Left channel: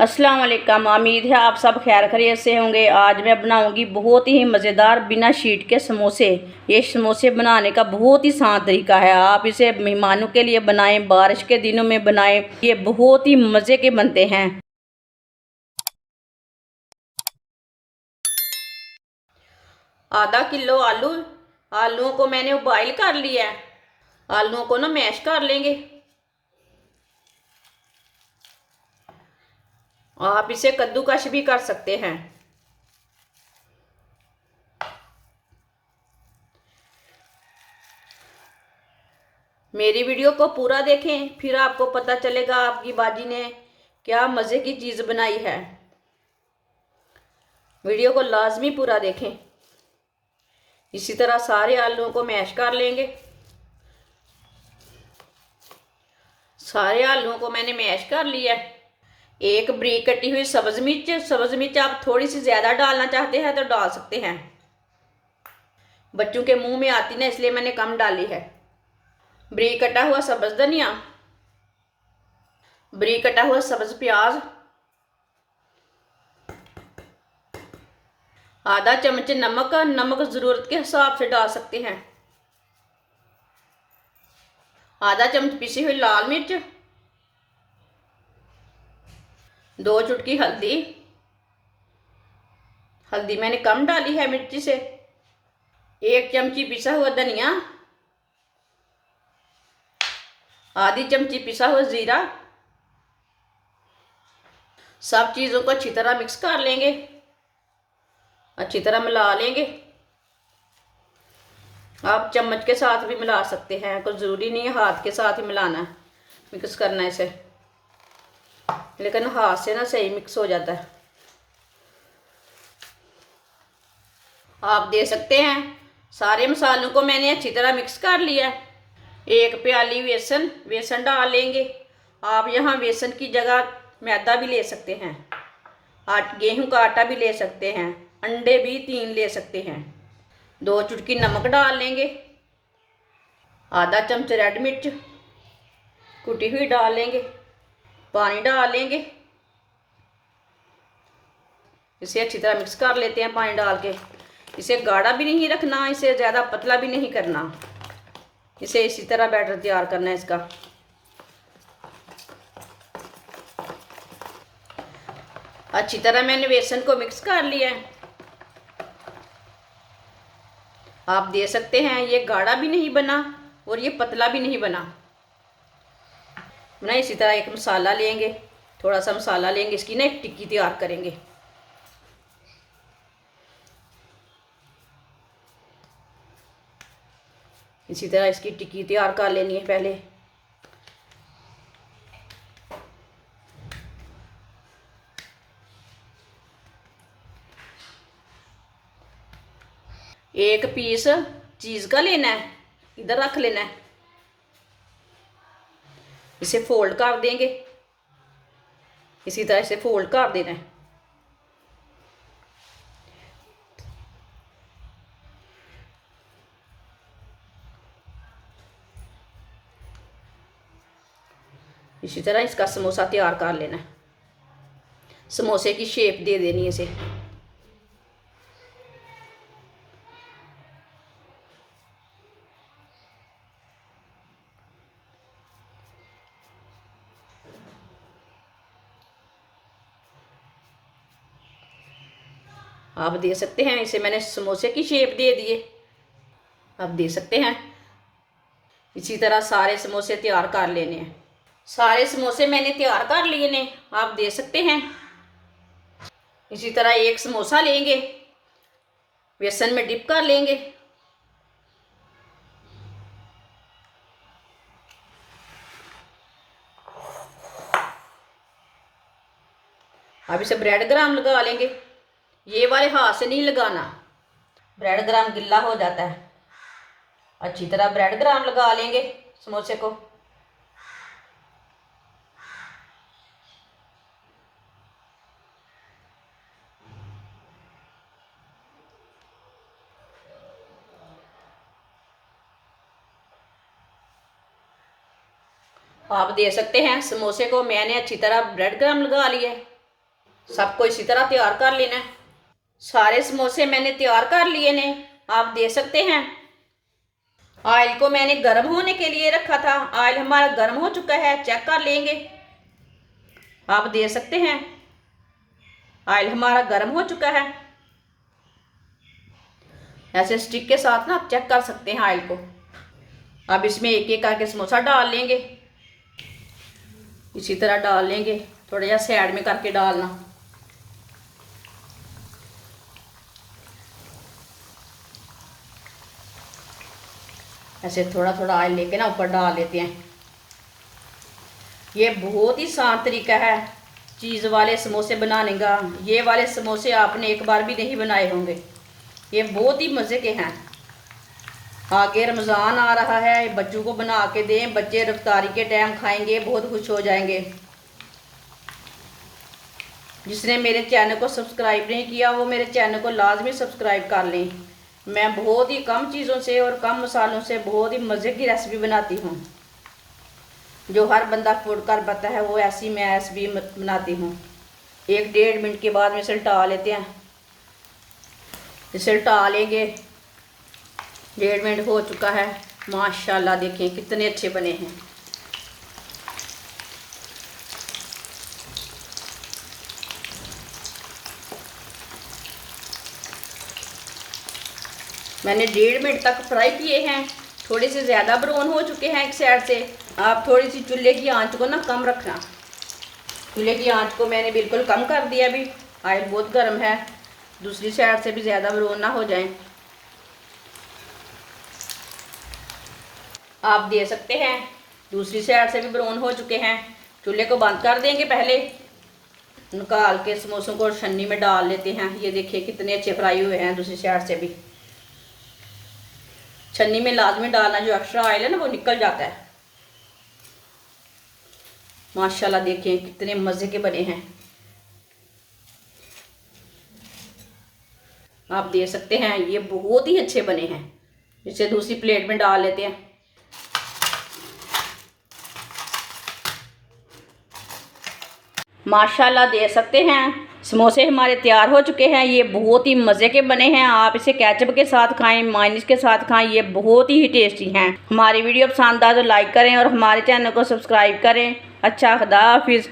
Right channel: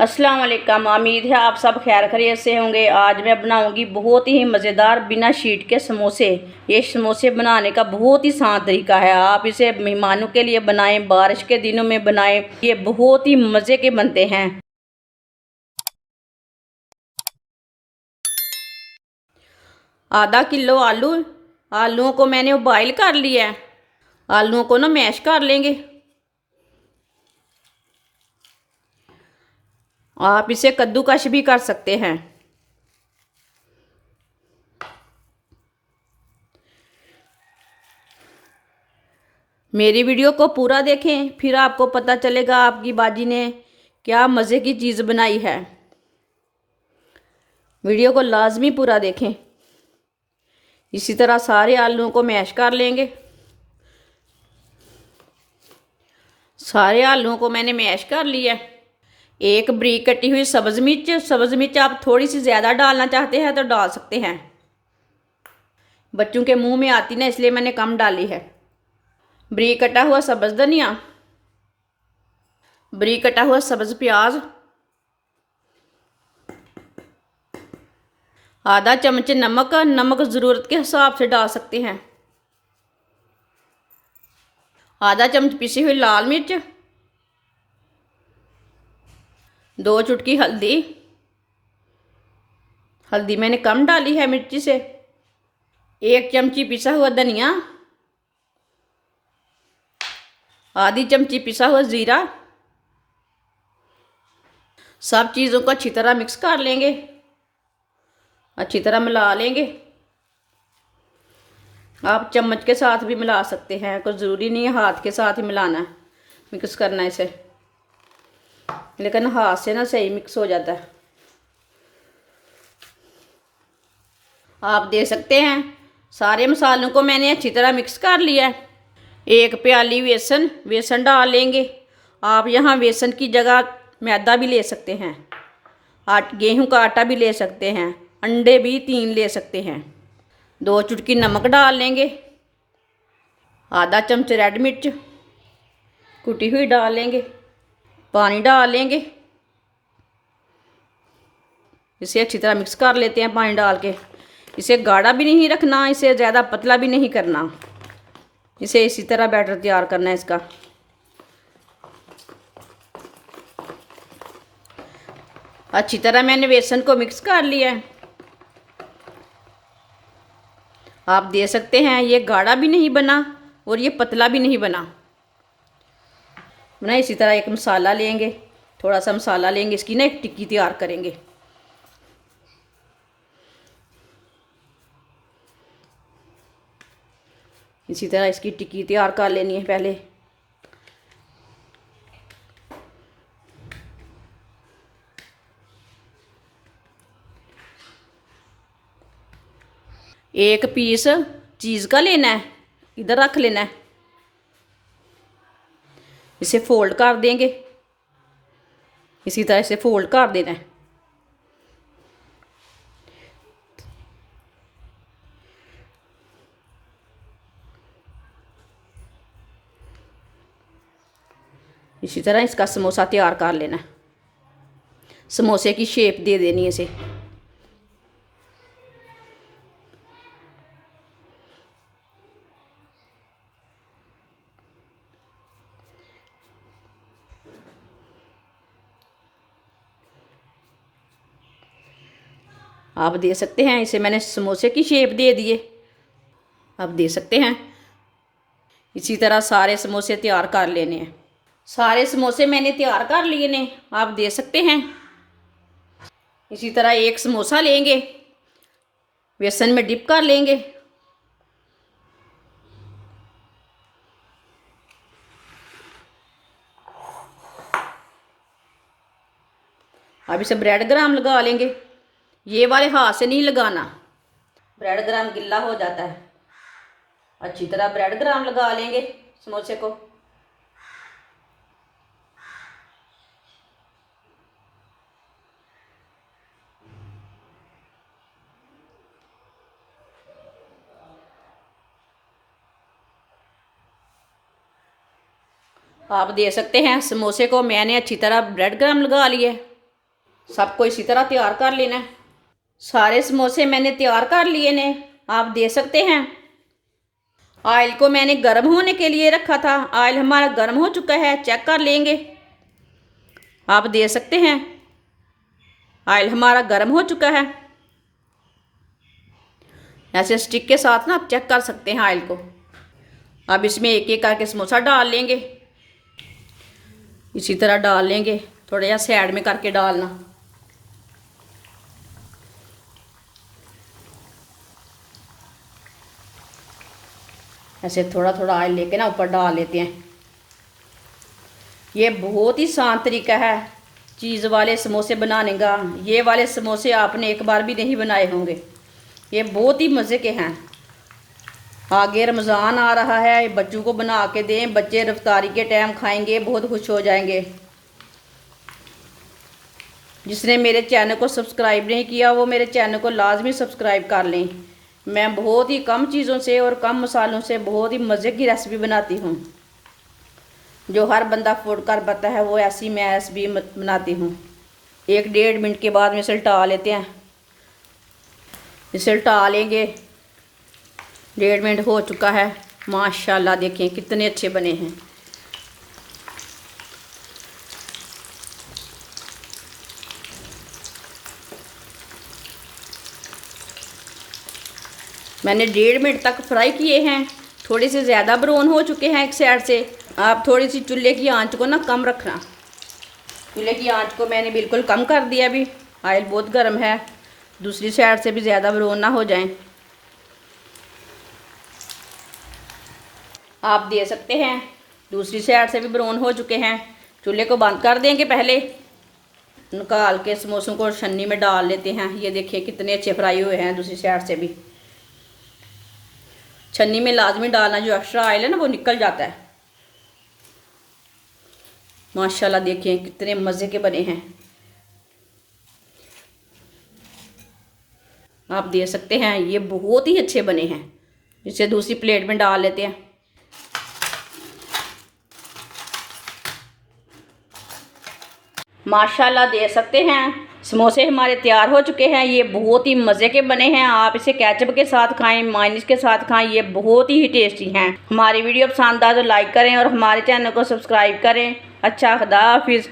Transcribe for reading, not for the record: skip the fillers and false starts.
अस्सलाम वालेकुम। उम्मीद है आप सब खैर खैरियत से होंगे। आज मैं बनाऊंगी बहुत ही मज़ेदार बिना शीट के समोसे। ये समोसे बनाने का बहुत ही आसान तरीका है। आप इसे मेहमानों के लिए बनाएं, बारिश के दिनों में बनाएं, ये बहुत ही मज़े के बनते हैं। आधा किलो आलूओं को मैंने बॉईल कर लिया है। आलूओं को ना मैश कर लेंगे। आप इसे कद्दूकश भी कर सकते हैं। मेरी वीडियो को पूरा देखें, फिर आपको पता चलेगा आपकी बाजी ने क्या मज़े की चीज़ बनाई है। वीडियो को लाजमी पूरा देखें। इसी तरह सारे आलूओं को मैश कर लेंगे। सारे आलूओं को मैंने मैश कर लिया। एक बारीक कटी हुई सब्ज़ मिर्च आप थोड़ी सी ज़्यादा डालना चाहते हैं तो डाल सकते हैं। बच्चों के मुंह में आती ना, इसलिए मैंने कम डाली है। बारीक कटा हुआ सब्ज़ धनिया, बारीक कटा हुआ सब्ज़ प्याज, आधा चम्मच नमक ज़रूरत के हिसाब से डाल सकते हैं। आधा चम्मच पिसी हुई लाल मिर्च, 2 चुटकी हल्दी मैंने कम डाली है मिर्ची से। 1 चमची पिसा हुआ धनिया, आधी चमची पिसा हुआ जीरा। सब चीज़ों को अच्छी तरह मिक्स कर लेंगे, अच्छी तरह मिला लेंगे। आप चम्मच के साथ भी मिला सकते हैं, कुछ ज़रूरी नहीं है हाथ के साथ ही मिलाना है, मिक्स करना है इसे, लेकिन हाथ से ना सही मिक्स हो जाता है। आप दे सकते हैं। सारे मसालों को मैंने अच्छी तरह मिक्स कर लिया है। 1 प्याली बेसन डाल लेंगे। आप यहाँ बेसन की जगह मैदा भी ले सकते हैं, गेहूं का आटा भी ले सकते हैं, अंडे भी 3 ले सकते हैं। 2 चुटकी नमक डाल लेंगे। आधा चम्मच रेड मिर्च कुटी हुई डाल लेंगे। पानी डाल लेंगे। इसे अच्छी तरह मिक्स कर लेते हैं पानी डाल के। इसे गाढ़ा भी नहीं रखना, इसे ज़्यादा पतला भी नहीं करना। इसे इसी तरह बैटर तैयार करना है इसका। अच्छी तरह मैंने बेसन को मिक्स कर लिया है। आप दे सकते हैं। ये गाढ़ा भी नहीं बना और ये पतला भी नहीं बना। इसी तरह एक मसाला लेंगे, थोड़ा सा मसाला लेंगे, इसकी ना एक टिक्की तैयार करेंगे। इसी तरह इसकी टिक्की तैयार कर लेनी है पहले। एक पीस चीज़ का लेना है, इधर रख लेना है। इसे फोल्ड कर देंगे, इसी तरह से फोल्ड कर देना है। इसी तरह इसका समोसा तैयार कर लेना है। समोसे की शेप दे देनी है इसे। आप दे सकते हैं। इसे मैंने समोसे की शेप दे दिए, आप दे सकते हैं। इसी तरह सारे समोसे तैयार कर लेने हैं। सारे समोसे मैंने तैयार कर लिए ने, आप दे सकते हैं। इसी तरह एक समोसा लेंगे, बेसन में डिप कर लेंगे। अब इसे ब्रेड ग्राम लगा लेंगे। ये वाले हाथ से नहीं लगाना, ब्रेड ग्राम गिल्ला हो जाता है। अच्छी तरह ब्रेड ग्राम लगा लेंगे समोसे को। आप दे सकते हैं। समोसे को मैंने अच्छी तरह ब्रेड ग्राम लगा लिए। सबको इसी तरह तैयार कर लेना है। सारे समोसे मैंने तैयार कर लिए ने, आप देख सकते हैं। ऑयल को मैंने गर्म होने के लिए रखा था। ऑयल हमारा गर्म हो चुका है, चेक कर लेंगे। आप देख सकते हैं ऑयल हमारा गर्म हो चुका है। ऐसे स्टिक के साथ ना आप चेक कर सकते हैं ऑयल को। अब इसमें एक एक करके समोसा डाल लेंगे। इसी तरह डाल लेंगे, थोड़ा सा साइड में करके डालना। ऐसे थोड़ा थोड़ा ऑयल लेके ना ऊपर डाल लेते हैं। ये बहुत ही आसान तरीका है चीज़ वाले समोसे बनाने का। ये वाले समोसे आपने एक बार भी नहीं बनाए होंगे। ये बहुत ही मज़े के हैं। आगे रमज़ान आ रहा है, बच्चों को बना के दें, बच्चे इफ्तारी के टाइम खाएंगे, बहुत खुश हो जाएंगे। जिसने मेरे चैनल को सब्सक्राइब नहीं किया वो मेरे चैनल को लाजमी सब्सक्राइब कर लें। मैं बहुत ही कम चीज़ों से और कम मसालों से बहुत ही मज़े की रेसिपी बनाती हूँ। जो हर बंदा फूड कर पाता है वो ऐसी मैं रेसिपी बनाती हूँ। 1-1.5 मिनट के बाद में इसे उल्टा लेते हैं। इसे उल्टा लेंगे। 1.5 मिनट हो चुका है। माशाल्लाह देखिए कितने अच्छे बने हैं। मैंने 1.5 मिनट तक फ्राई किए हैं। थोड़े से ज़्यादा ब्राउन हो चुके हैं एक साइड से। आप थोड़ी सी चूल्हे की आंच को ना कम रखना। चूल्हे की आंच को मैंने बिल्कुल कम कर दिया। अभी ऑयल बहुत गर्म है, दूसरी साइड से भी ज़्यादा ब्राउन ना हो जाए। आप देख सकते हैं दूसरी साइड से भी ब्राउन हो चुके हैं। चूल्हे को बंद कर देंगे। पहले निकाल के समोसों को छन्नी में डाल लेते हैं। ये देखिए कितने अच्छे फ्राई हुए हैं। दूसरी साइड से भी छन्नी में लाजमी डालना, जो एक्स्ट्रा ऑयल है ना वो निकल जाता है। माशाल्लाह देखिए कितने मज़े के बने हैं। आप देख सकते हैं ये बहुत ही अच्छे बने हैं। इसे दूसरी प्लेट में डाल लेते हैं। माशाल्लाह देख सकते हैं समोसे हमारे तैयार हो चुके हैं। ये बहुत ही मज़े के बने हैं। आप इसे केचप के साथ खाएं, मायोनीज के साथ खाएं, ये बहुत ही टेस्टी हैं। हमारी वीडियो पसंद आए तो लाइक करें और हमारे चैनल को सब्सक्राइब करें। अच्छा, खुदा हाफिज़।